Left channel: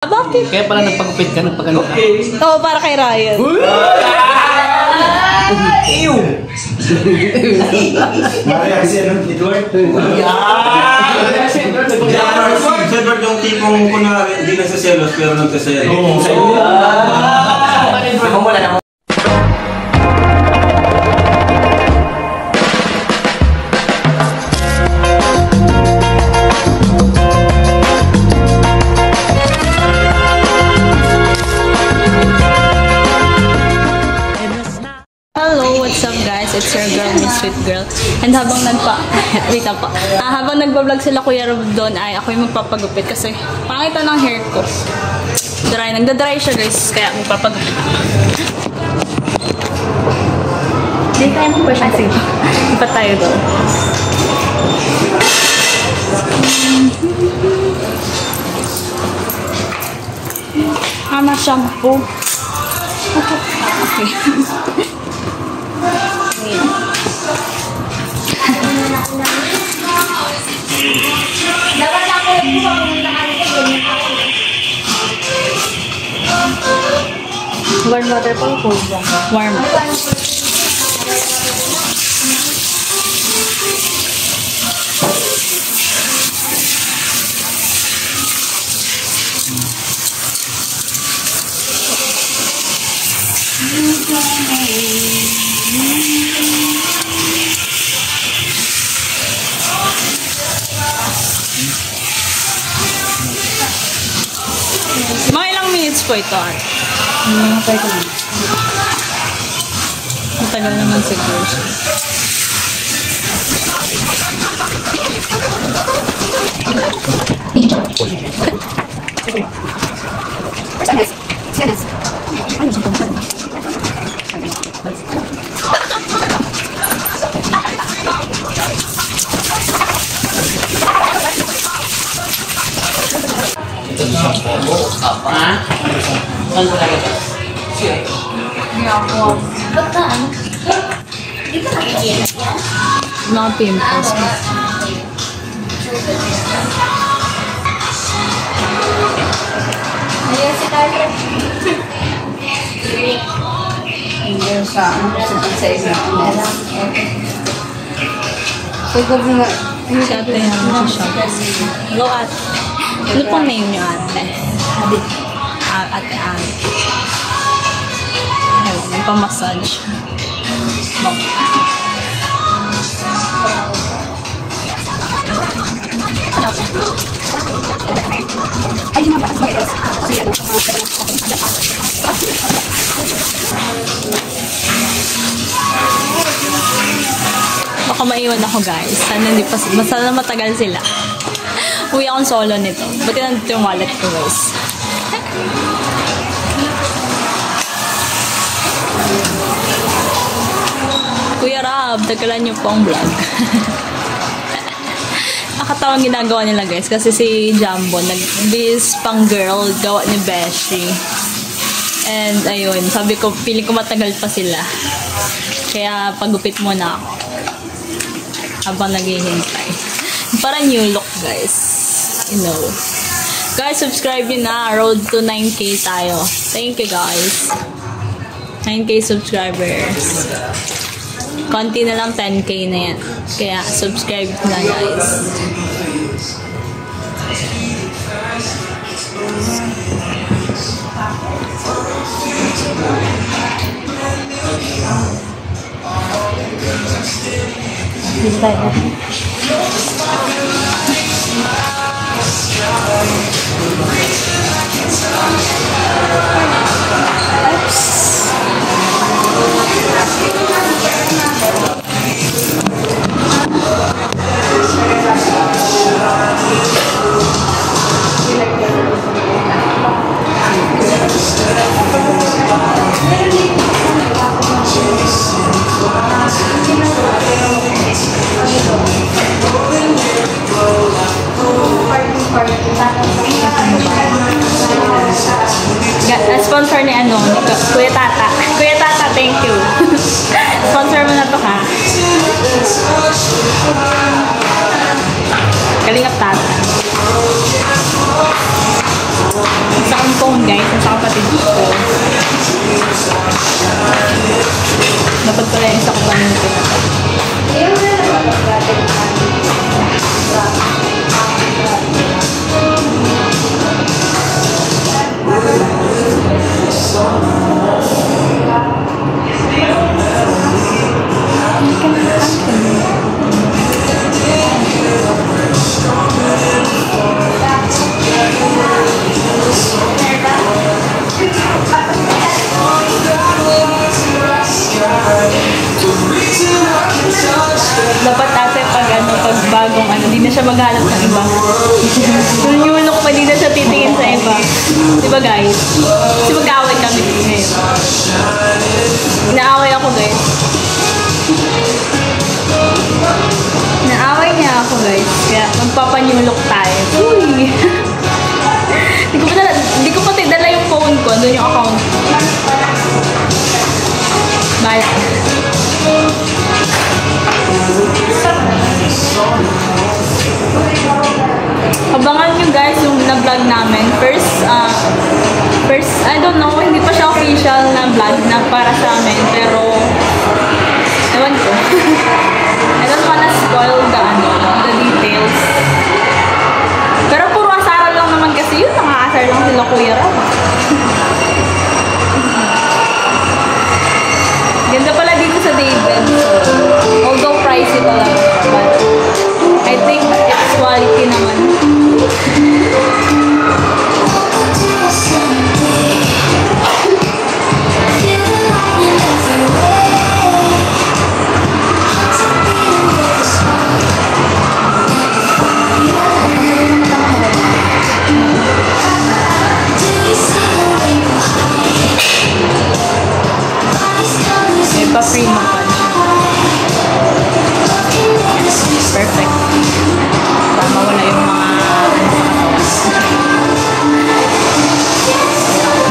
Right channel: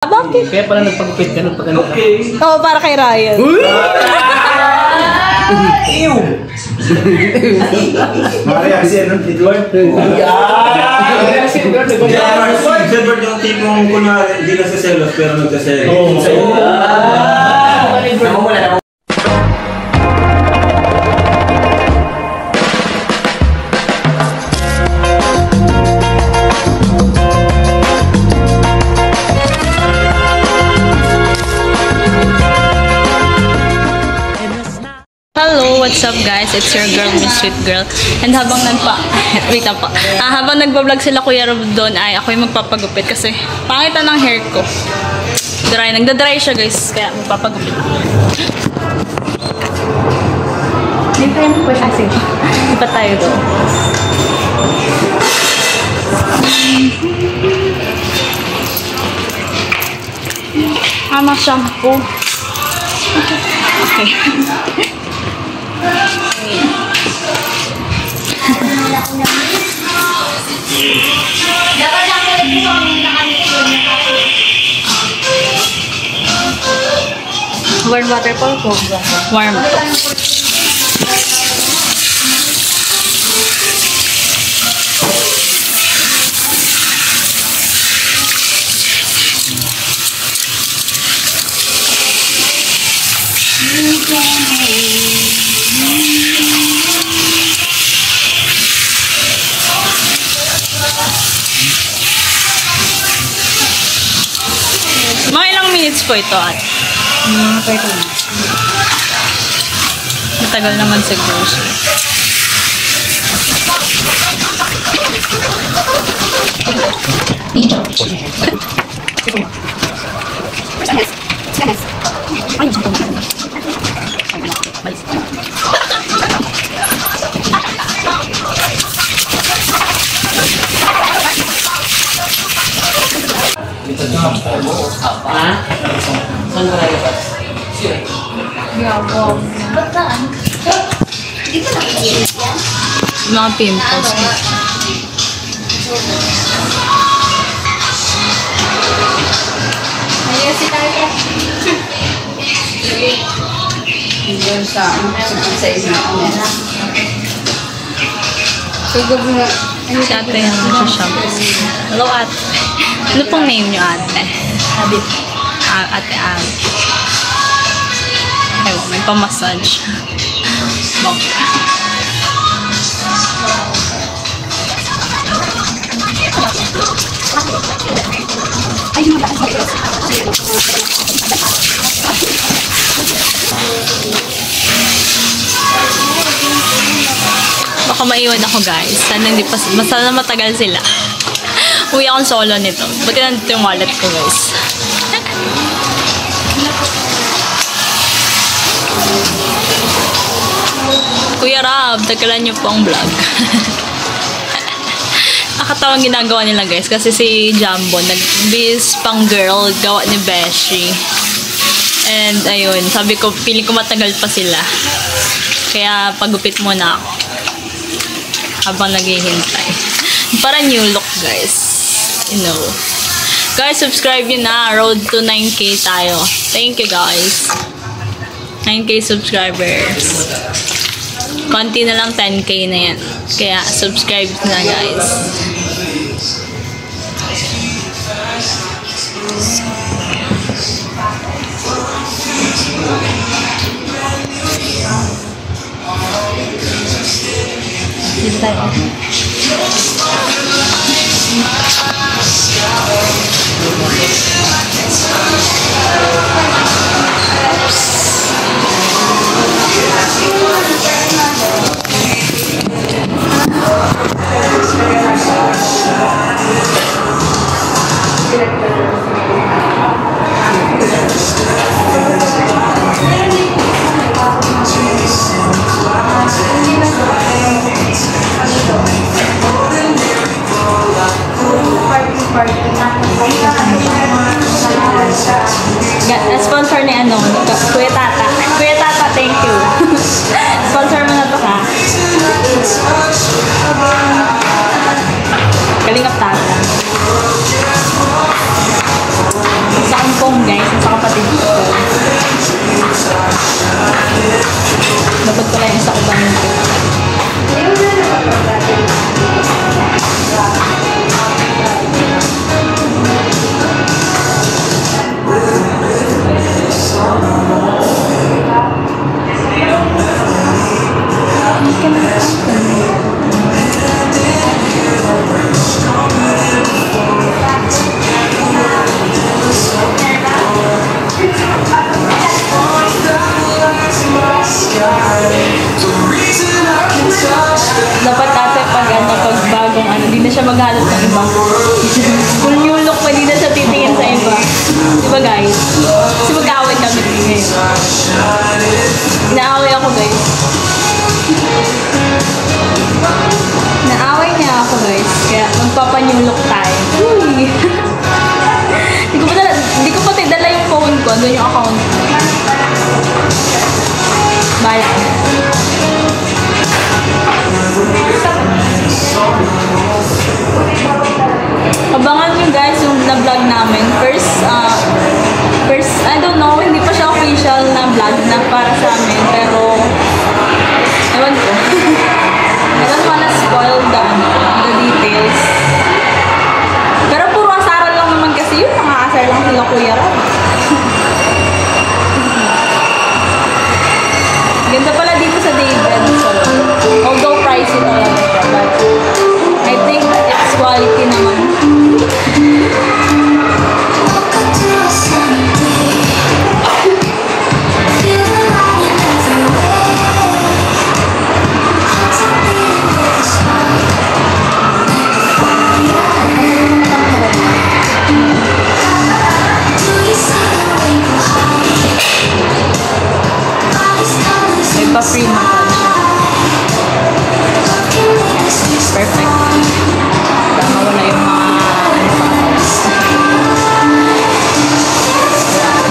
Bakit? Kaya pala nagpagupit ka ng pagano ka. Okay. Oo, para kay Ryan. Ew! Maria kasi anong Edward? Edward yung tipong kunwari, hindi nagsaselos pero nagsaselos. Namumula na. Hello, what's up guys? It's your girl, Miss Sweet Girl. And habang wait lang po. Habang nagbablog sila Kuya Rob doon ay ako yung magpapagupit kasi pangitan ng hair ko. Nagda-dry siya guys, kaya magpapagupit. Hindi tayo mo pa siya. Sige pa. Ipa tayo doon. Shampoo. Okay. Warm water po po. Warm. Mga ilang minutes po ito at? Mga 30 minutes. Matagal naman siguro siya. Ha? Saan ko lalabas? Mga pimples. Ayan si Carla. Hanggang sa isa. Siguro nga. Si ate yung nasa-shampoo. Hello ate. Ano pong name niyo ate? Sabi. Ate Ab. Ewan, may pamassage. Bongga. Baka maiwan ako guys. Sana hindi pa, sana matagal sila. Uwi akong solo nito. Buti nandito yung wallet ko guys. Kuya Rob, tagalan niyo po ang vlog. Nakatawang ginagawa nila guys kasi si Jumbo nag-bis pang girl gawa ni Beshi. And ayun, sabi ko feeling ko matagal pa sila. Kaya pagupit muna ako habang naghihintay. Para new look guys. You know. Guys, subscribe yun na. Road to 9K tayo. Thank you guys. 9K subscribers. Konti na lang 10K na yan. Kaya subscribe na guys. Sponsor ni ano, Kuya Tata. Kuya Tata, thank you. Sponsor mo na to ha. Kalingap Tata. Sa akong phone guys, nasa kapatid ko. Dapat pala yung sa kubang yung pinatay. Dapat ate pag bagong di na siya maghanap ng iba. yung look pa, di na siya titingin sa iba. Diba guys? Kasi mag-aaway kami ngayon. Inaaway ako guys. Naaway niya ako guys. Kaya magpapa-new look tayo. Uy! Hindi ko pati dala yung phone ko. Doon yung account. Bala. Abangan nyo guys yung na-vlog namin. First, I don't know, hindi pa siya official na vlog na para sa amin. Pero, ewan ko. I don't wanna spoil the details. Pero puro asaran lang naman kasi yun. Nangaasar lang sila Kuya Rob. Ganda pala dito sa David. So, although pricey talaga siya. But, I think it's quality naman. May pa-free massage. Perfect. Para mawala yung mga sa katawan.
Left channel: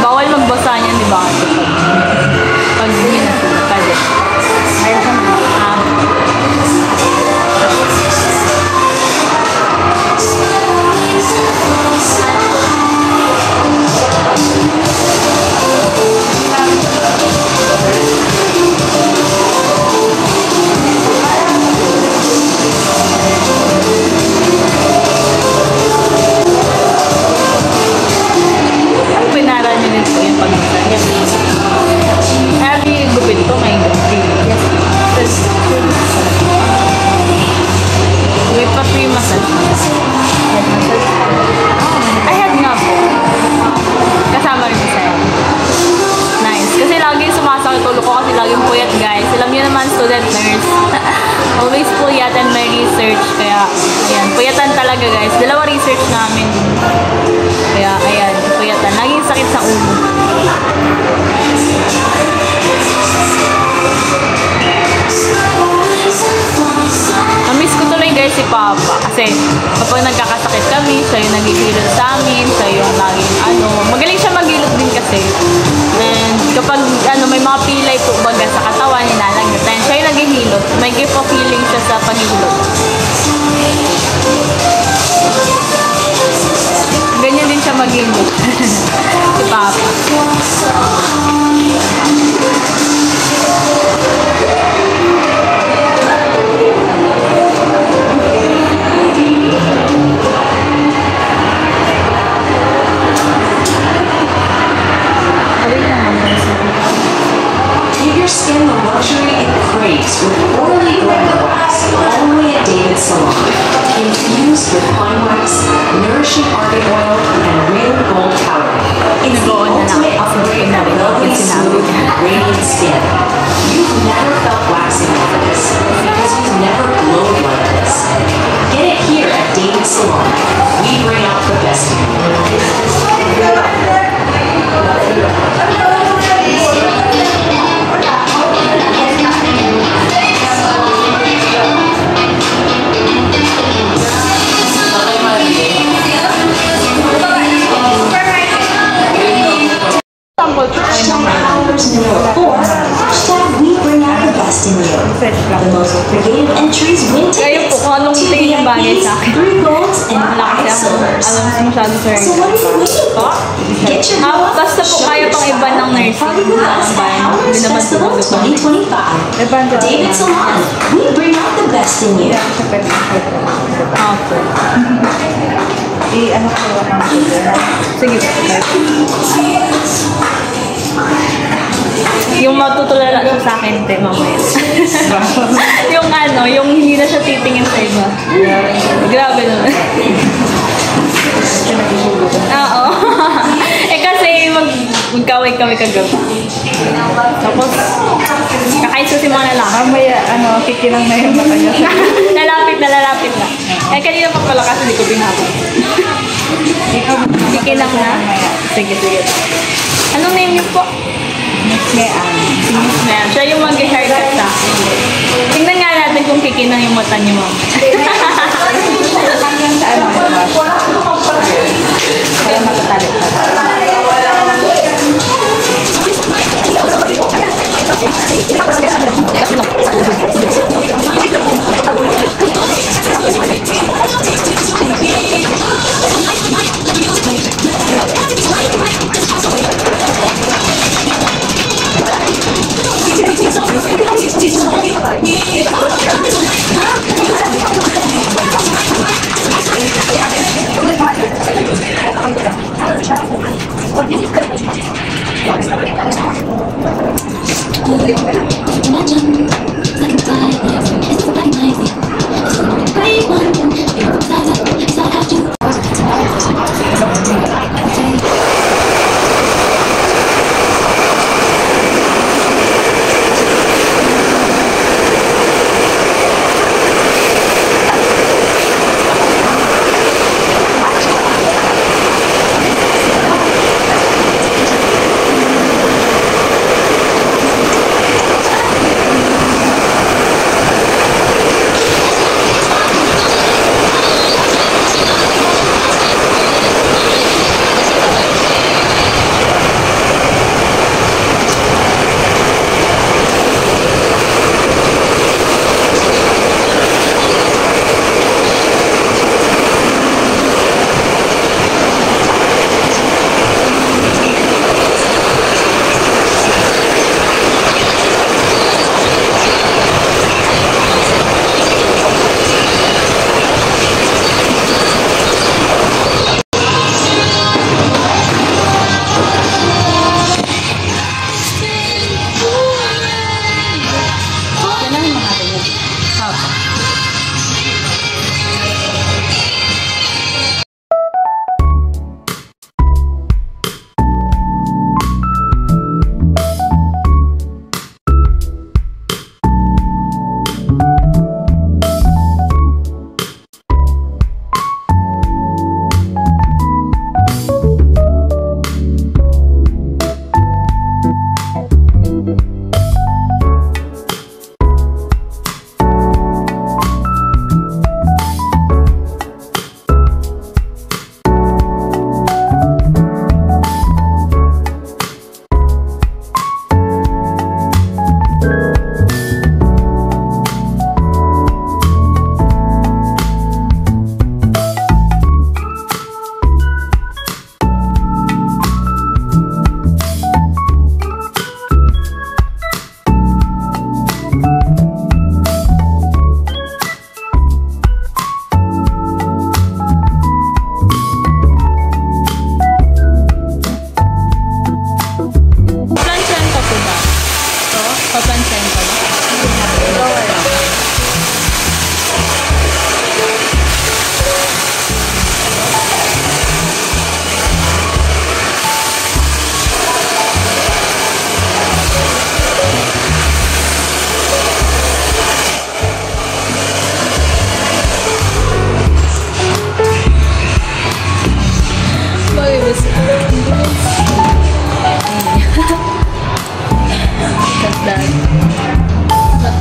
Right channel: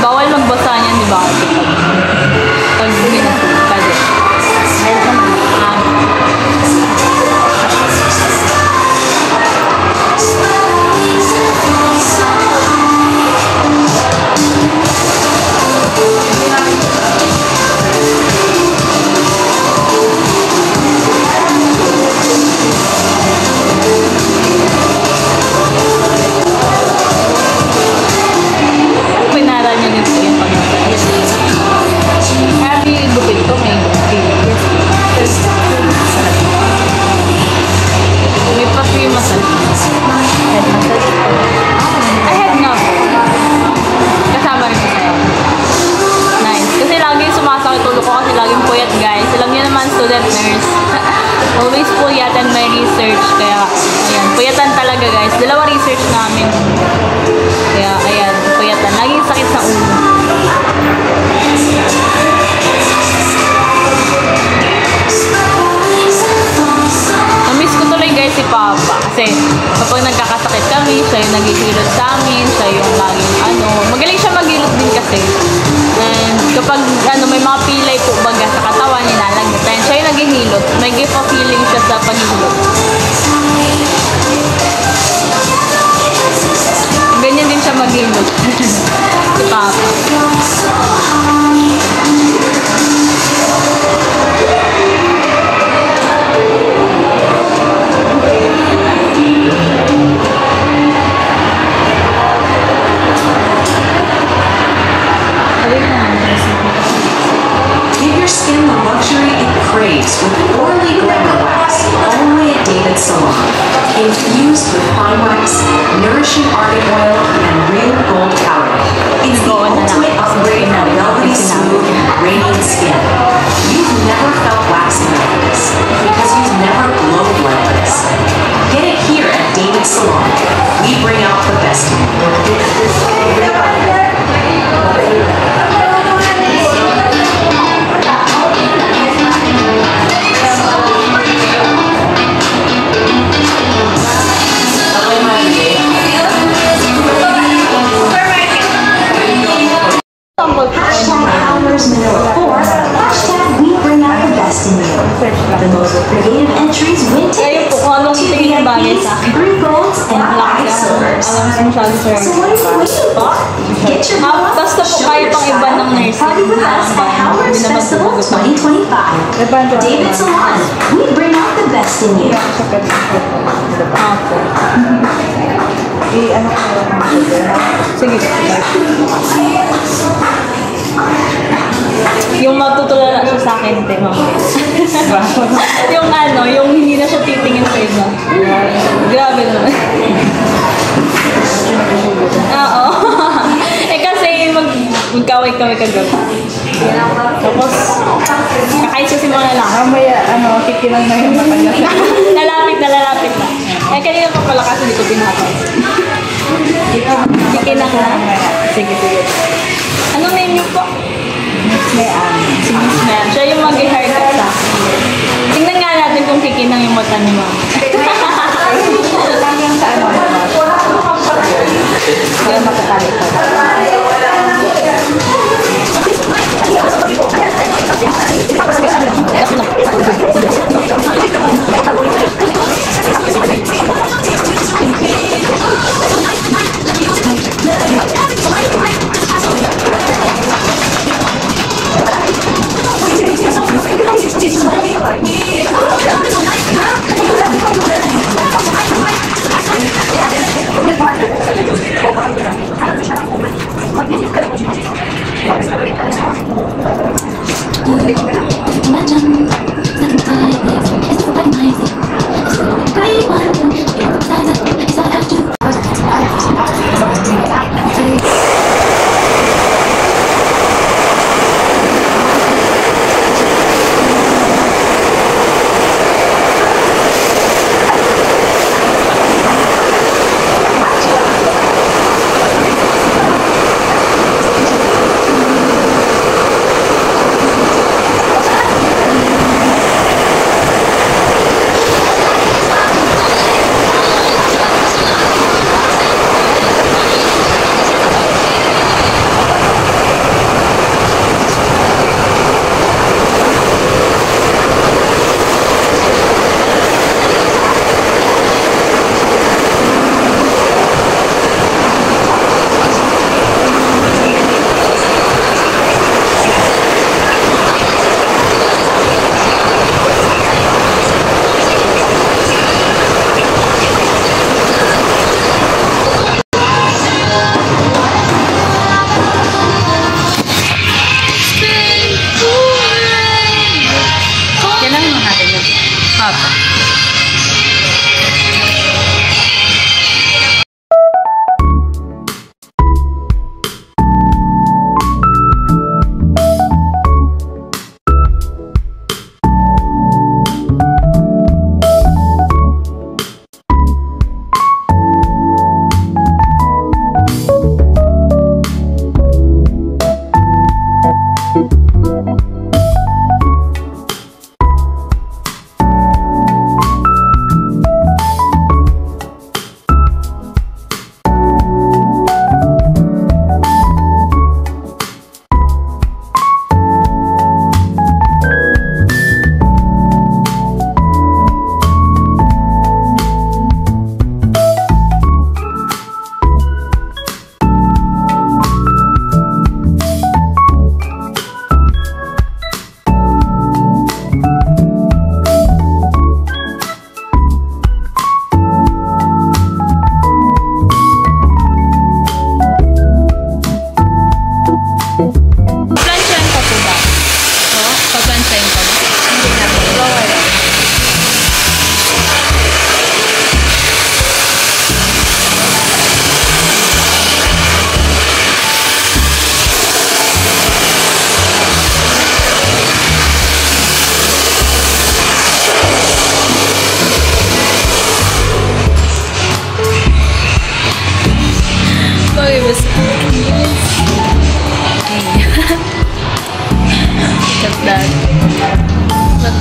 Bawal magbasa niyan, di ba? Pag pwede. Mayroon naman. Pinara niya din po yung pagmasal. Happy gupit to, may gupit. Yes. May pa-free massage. Head massage. Ay, head nga po. Kasama rin po sa'yo. Nice. Kasi laging sumasakit ulo ko kasi laging puyat guys. Alam niyo naman, student nurse. Always puyat and may research. Kaya, ayan. Puyatan talaga guys. 2 research namin. Kaya, ayan, puyatan. Laging sakit sa ulo. Namiss ko tuloy guys si Papa. Kasi, kapag nagkakasakit kami, siya yung naghihilot sa amin. Siya yung laging magaling siya maghilot din kasi. And, kapag may mga pilay po baga sa katawan, nilalagdatan. Siya yung naghihilot. May gift of healing siya sa paghihilot. Ganyan din siya maghilot. Si Papa. Give your skin the luxury it craves with Orly Glam Wax, only at David Salon. Infused with pine wax, nourishing argan oil, and real gold powder. It's the ultimate upgrade of velvety smooth and radiant skin. You've never felt waxing like this because you've never glowed like this. Get it here at David Salon. We bring out the best in you. Sample ko kayo ng best in you. The most creative entries win Kayo po, tickets kung anong to tingin yung bagay VIPs, sa akin. 3 golds, and Wala 5 kasi akong silvers. alam masyado sa So what are you waiting for? Get your gold, basta po show kaya pang yourself, iba ng and nursing party with na us at bayan. Hours Binabantugan Festival ko pa. 2025. David Salon, we bring out the best in you. Opo. I-ano ko lang mga sugar. Sige. Yung matutulala siya sa akin, te, mamaya. Yung ano, yung hindi na siya titingin sa iba. Grabe naman. Oo. Kasi magkaway kami kagabi. Tapos, kakais ko si mga lalaki. Mamaya, kikinang na yung mata niya. lalapit na. Kanina pa pala kasi di ko pinapay. Kikinang na? Sige. Anong name niyo po? Ngayon. Si Miss Mel. Siya yung mag-haircut sa akin. Tingnan nga natin kung kikinang yung mata niya mama. Hanggang sa wash. Para matatali pa.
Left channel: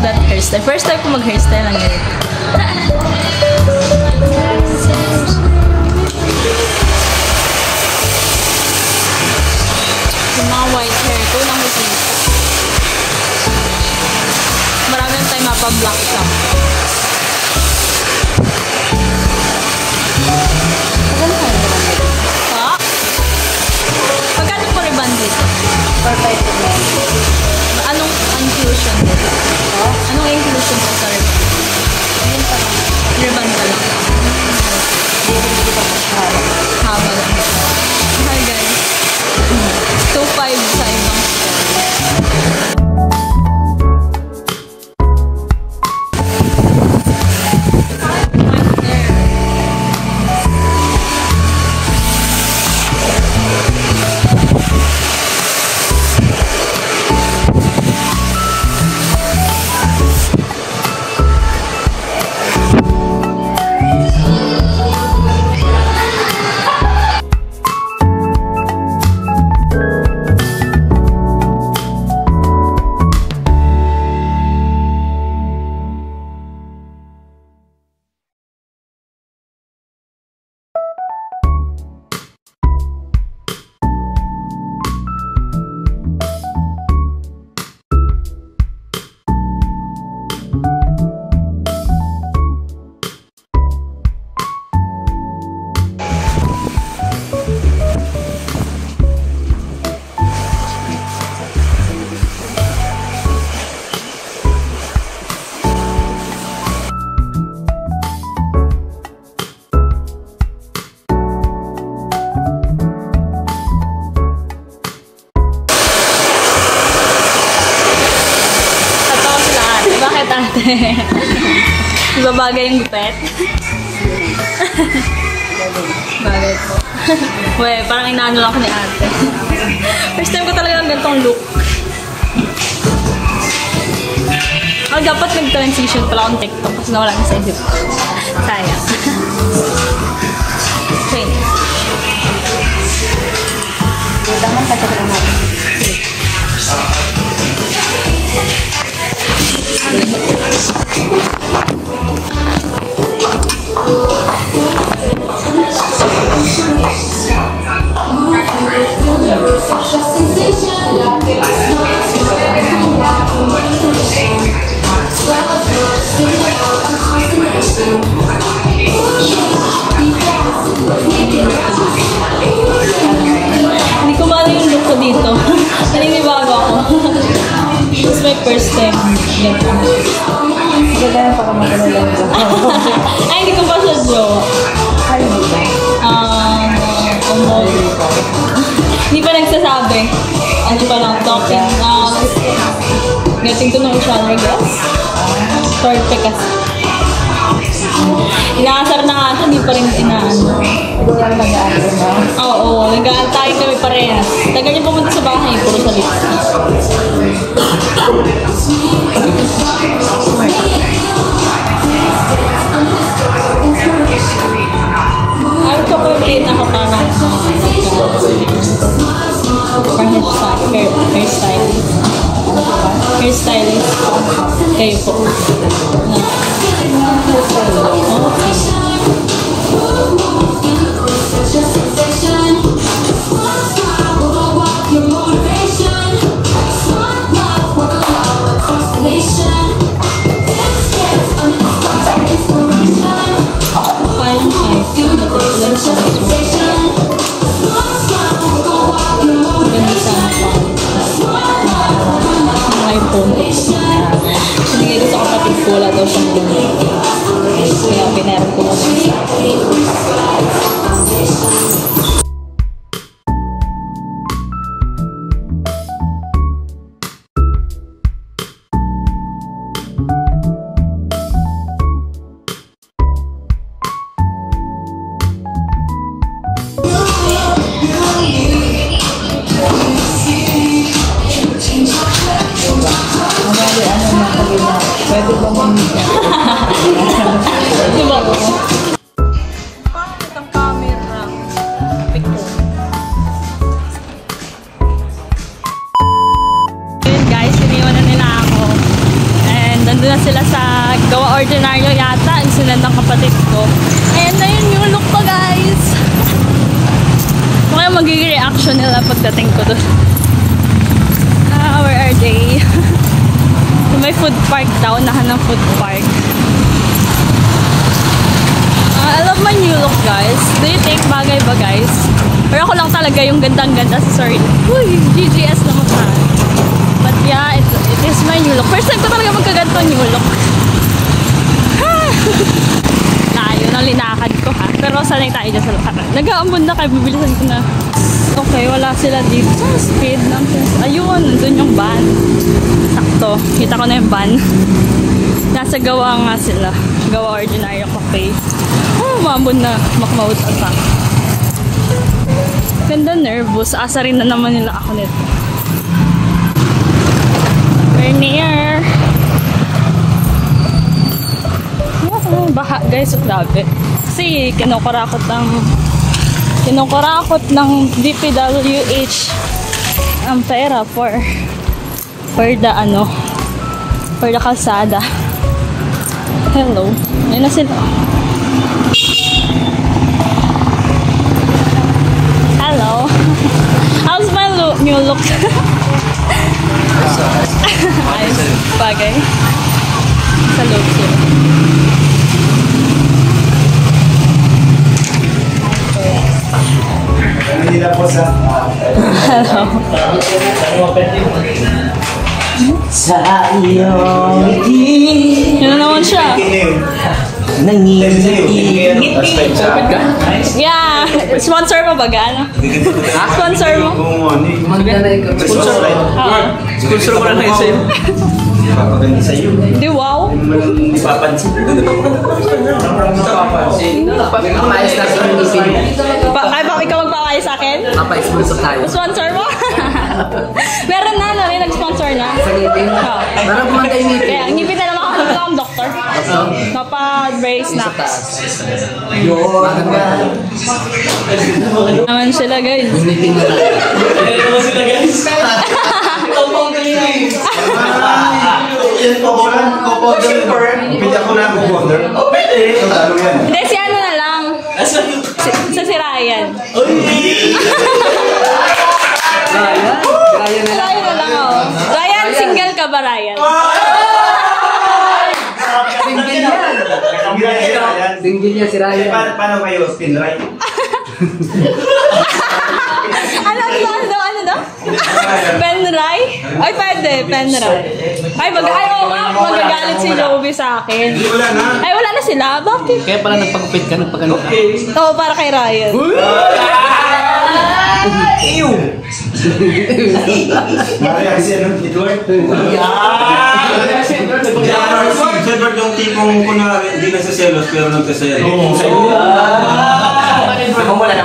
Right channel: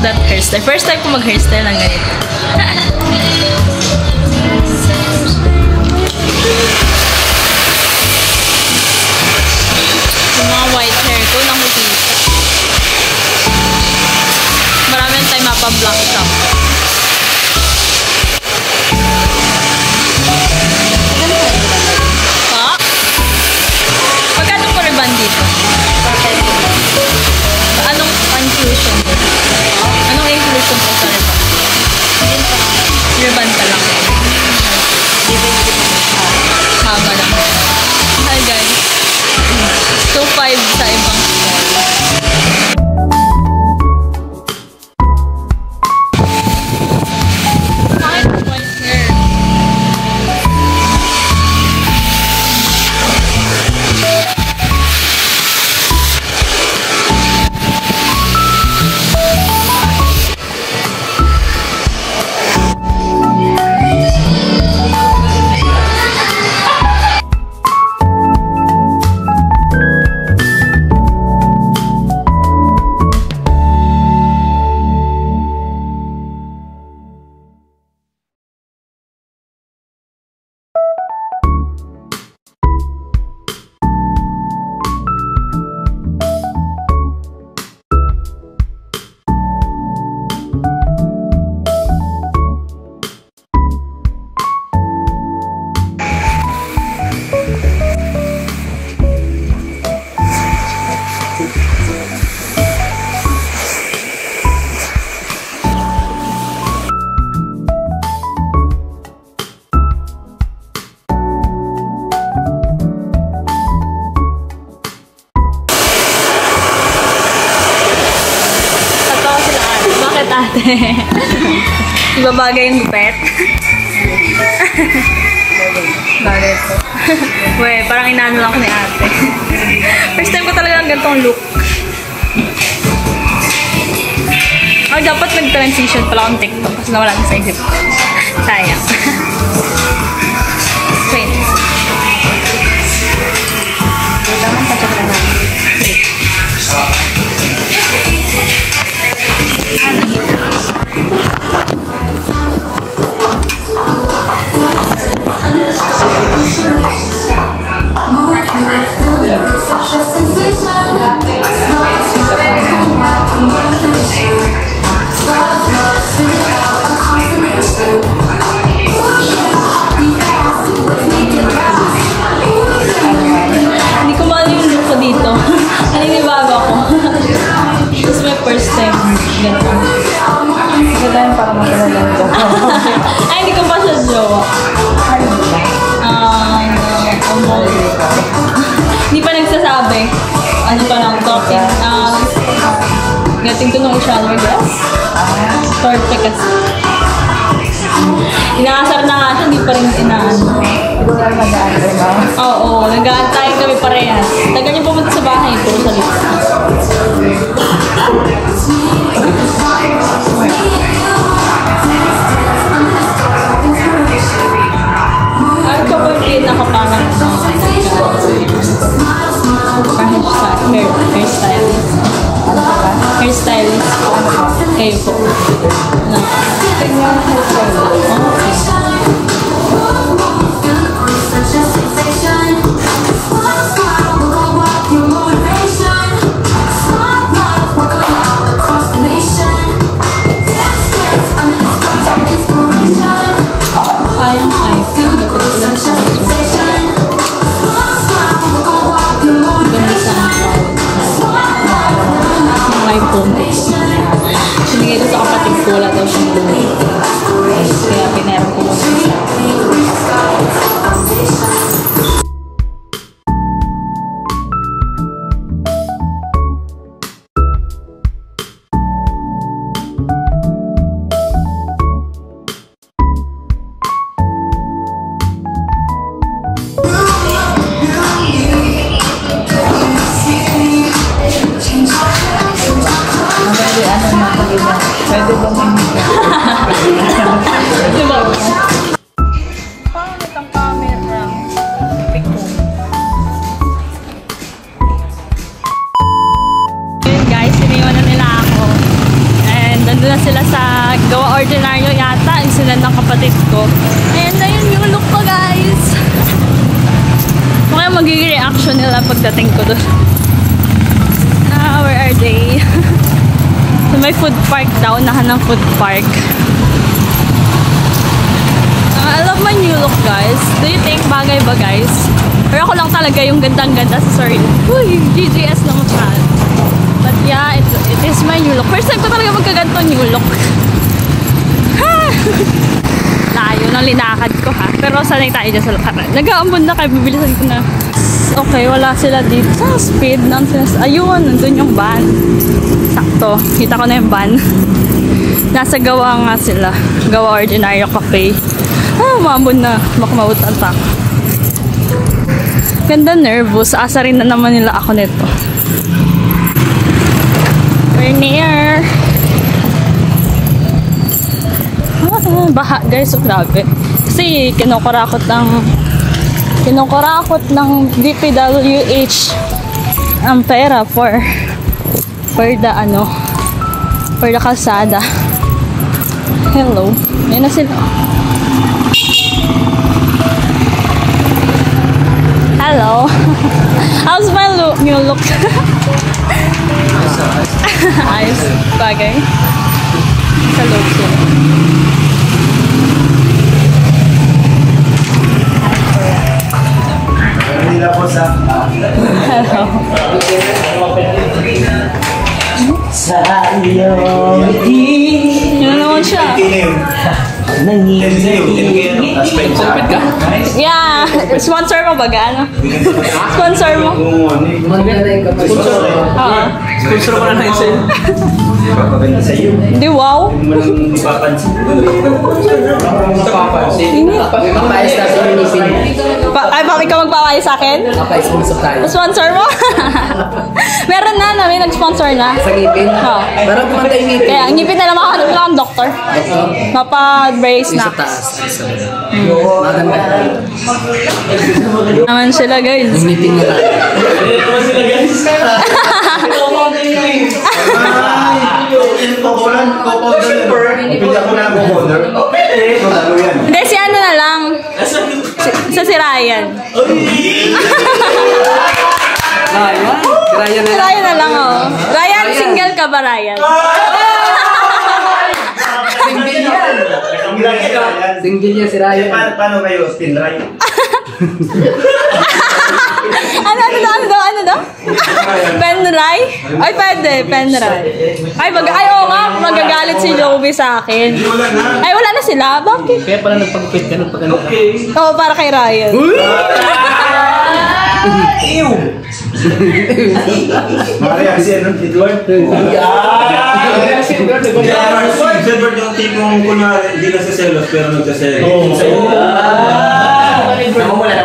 that hairstyle. First time ko mag-hairstyle ng ganito. Yung mga white hair ko nakikita. pa-black shop. Ha? Magkano po ribbon dito? Anong inclusion dito? Anong inclusion po sa ribbon? Ribbon pa lang. Haba lang. Hi guys. 2.5 sa ibang store. Ate. Iba bagay yung gupet? Bagay po. Weh, parang inaano lang ako ni ate. First time ko talaga ng ganitong look. Dapat nag-transition pala akong TikTok kasi nawala na sa isip ko. Sayang. Wait. Dito naman pagkakala natin. Hindi ko mali yung look ko dito. Naninibago ako. This is my first time. Ganito. Ito tayo para matalala ko. Ay, hindi ko pa siya jowa. Ano ba? Hindi pa nagsasabi. Ano pa lang, talking. Getting to know each other, guys. Perfect kasi. Inaasar na nga siya, hindi pa rin inaano. Ito lang nag-aantay mo? Oo, nag-aantay kami parehas. Tagal niya pumunta sa bahay, puro salita. Ano ka po yung pinakaparang hairstylist? Ano ba? Hairstylist po. Kayo po. No. Okay. Kayang-kaya. Natutulan sa ganda sana quality. Yung iPhone ko po. Sinigay ko sa kapatid ko, wala daw siyang lumit. Kaya pinaram ko muna sa akin. Pwede ba manhiga? Diba? Parang itong camera. Yun guys, iniwan na nila ako. And nandun na sila sa Gawa Ordinaryo yata. Yung sunod ng kapatid ko. And ayun yung look ko guys. Kaya magiging reaction nila pagdating ko doon. Where are they? May food park daw. Unahan ng food park. I love my new look, guys. Do you think bagay ba, guys? Pero ako lang talaga yung gandang-ganda sa sarili. Uy, GGS na masyado. But yeah, it is my new look. First time ko talaga magkaganto new look. Ha! Layo ng linakad ko, ha? Pero sanay tayo dyan sa lakaran. Nag-aambon na kayo, bibilisan ko na. Okay, wala sila dito. Speed nonsense. Ayun, nandun yung van. Sakto. Kita ko na yung van. Nasa Gawa nga sila. Gawa Ordinaryo Cafe. Oh, maambon na. Makamautan pa. Ganda, nervous. Asa rin na naman nila ako nito. We're near. Baha, guys. So, grabe. Kasi kinukurakot ng DPWH ang pera for the kalsada. Hello. Yan na sila. Hello. How's my new look? Ayos. Bagay. Sa loob sila. Hello. Sa iyong ngiti. Yan naman siya. Yeah. Sponsor mo ba? Ano? Sponsor mo? Sponsor. Oo. Sponsor ko na lang sa'yo. Papaganda sa'yo. Hindi, wow. Hindi mo nang ipapansin. Papayos na sa minisin. Ay, bakit ka magpapayos sa akin? Papayos-sponsor tayo. Sponsor mo? Meron na, may nag-sponsor na. Sa ngipin? Oo. Para gumantay yung ngipin. Kaya, ang ngipin na lang makahanap lang ang doktor. Doktor? Mapa-brace na. Sa taas. Maganda. Naman sila, guys. Yung ngipin mo tayo. Pinta ko na ang co-founder. Hindi, si ano na lang. Si Ryan. Ryan na lang, oh. Ryan, single ka ba, Ryan? Single niya si Ryan. Paano kayo? Spin right? Ano daw? Penray? Ay, pwede. Penray. Ay, oo nga. Magagalit si Joby sa akin. Ay, wala na sila. Bakit? Kaya pala nagpagupit ka, nagpagano ka. Oo, para kay Ryan. Maria, si Edward? Edward yung tipong kunwari, hindi nagsaselos pero nagsaselos. Nakawala.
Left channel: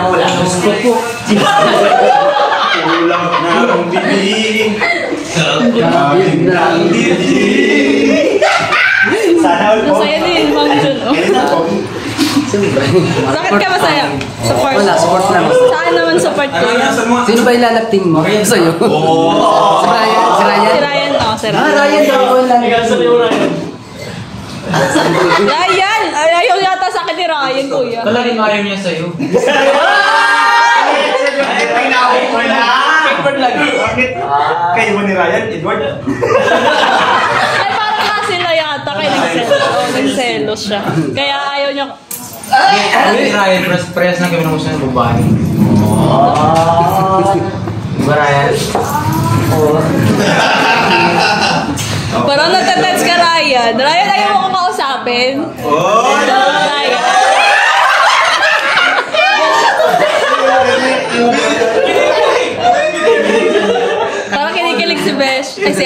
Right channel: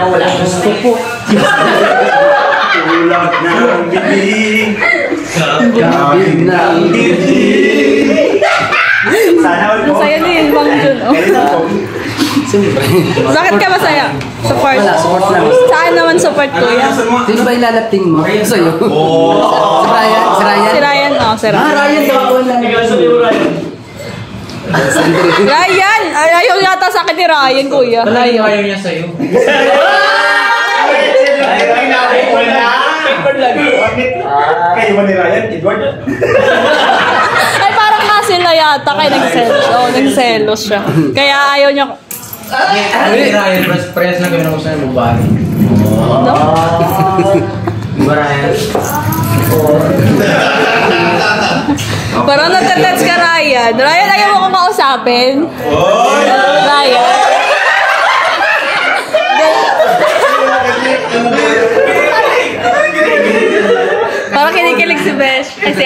Ulang na ang bibig. Gabig na ang bibig. Sana all po. Masaya din, Bang Jun, oh. Bakit ka masaya? Support? Wala, support lang. Saan naman support ko yan? Sino ba ilalapting mo? Sa'yo? Si Ryan? Si Ryan, oh. Si Ryan. Ryan daw ko lang. Ryan! Ayaw yata sa akin ni Ryan, kuya. Talagang ayaw niya sa'yo. Kayo mo ni Ryan, Edward? Ay, parang nga sila yata kayo nagselos. Oo, nagselos siya. Kaya ayaw niya. Ryan, press na kami ng gusto ng babae. Diba Ryan? Parang nagtatext ka, Ryan. Ryan, ayaw mo ko kausapin. Ryan. Parang kinikilig si Besh. Ay,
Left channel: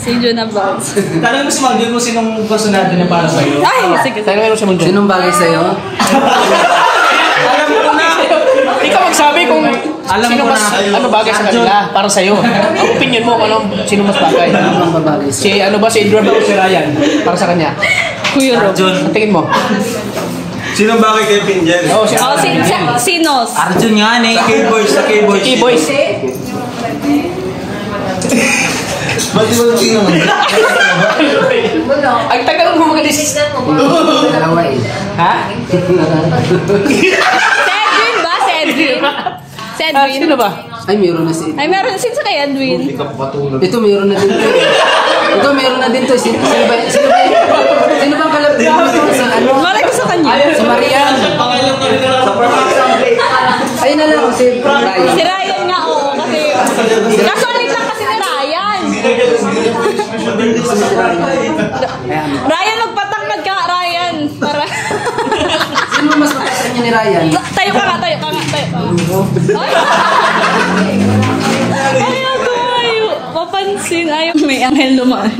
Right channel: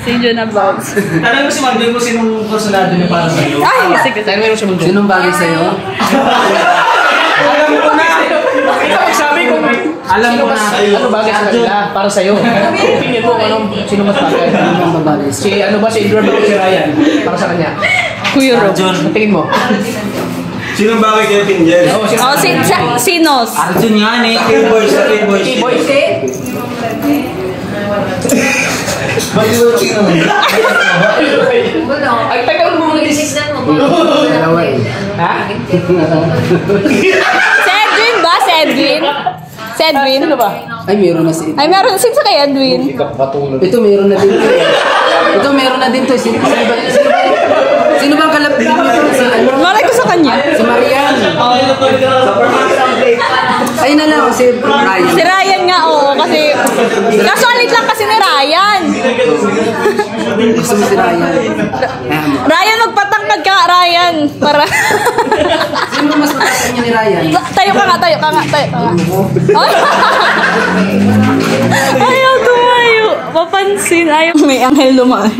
si Juna Vlogs. Tanong mo si Magdalene kung sinong personado niya para sa'yo. Ay, sige. Sinong bagay sa'yo? Alam ko na. Ikaw magsabi kung alam mo na ano bagay sa kanila para sa'yo. Opinion mo kung sino mas bagay. Ano ang babagay sa'yo? Si Edward o si Ryan para sa kanya. Kuya Rob. Tingin mo. Sinong bagay kayo Pinjel? Oh, si Nos. Arjun nga eh. K-boys sa K-boys. K-boys. Ay, tagal mo mga decision mo. Dalawa eh. Ha? Si Edwin ba? Si Edwin? Si Edwin? Sino ba? Ay, mayroon na si Ay, meron. Since kay Edwin? Ito mayroon na din. Ito, meron na din to. Sino ba ang kalapit mo ito? Ano? Malay ko sa kanya. Si Marian. Ayun na lang, si Ryan. Si Ryan nga, oo. Kasi, kasualit lang kasi ni Ryan. Gusto mo si Ryan. Ryan, magpatangkad ka, Ryan. Para... Sino mas mataas niya ni Ryan? Tayo ka nga. Ayaw tumayo. Papansin. Ayaw. May anghel dumaan.